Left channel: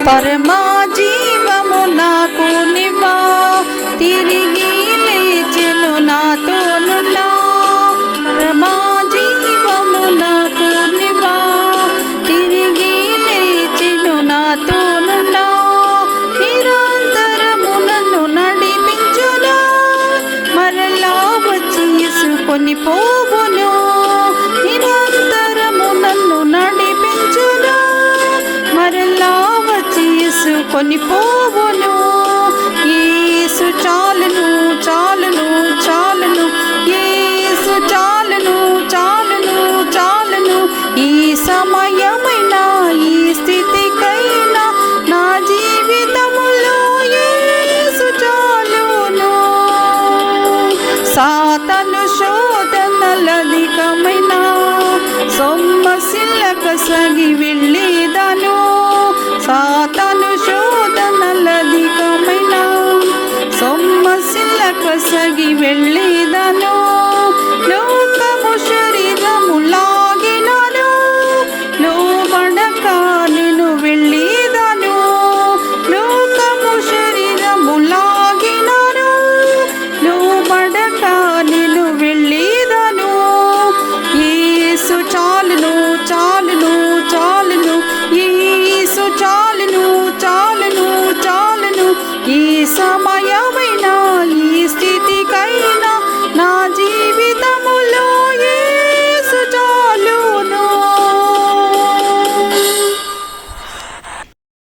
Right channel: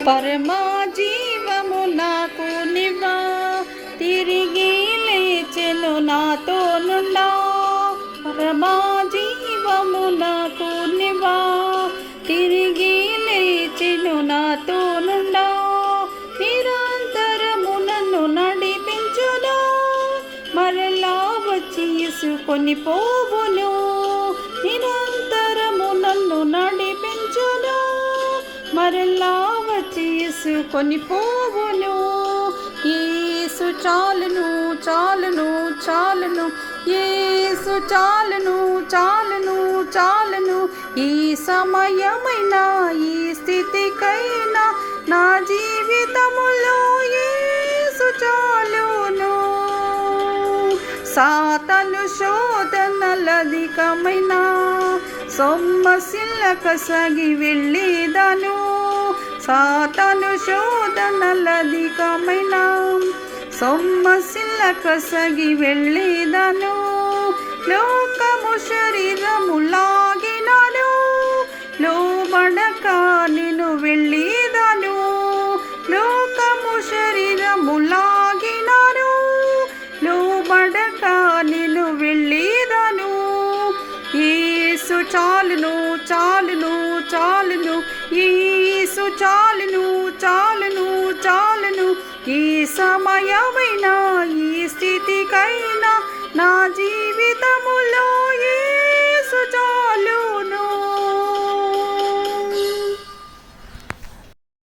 पर माँ जीव मुना को निभा तेरी కొన్ని పోవును. యేసు చాలును చాలును చాలును. యేసు చాలును చాలును చాలును. ఈ సమయమైన ఈ స్థితికైనా నా జీవితములో ఏసు చాలును. సాతను శో ಕೊಸಗಿ ಬೆಳ್ಳಿದನು.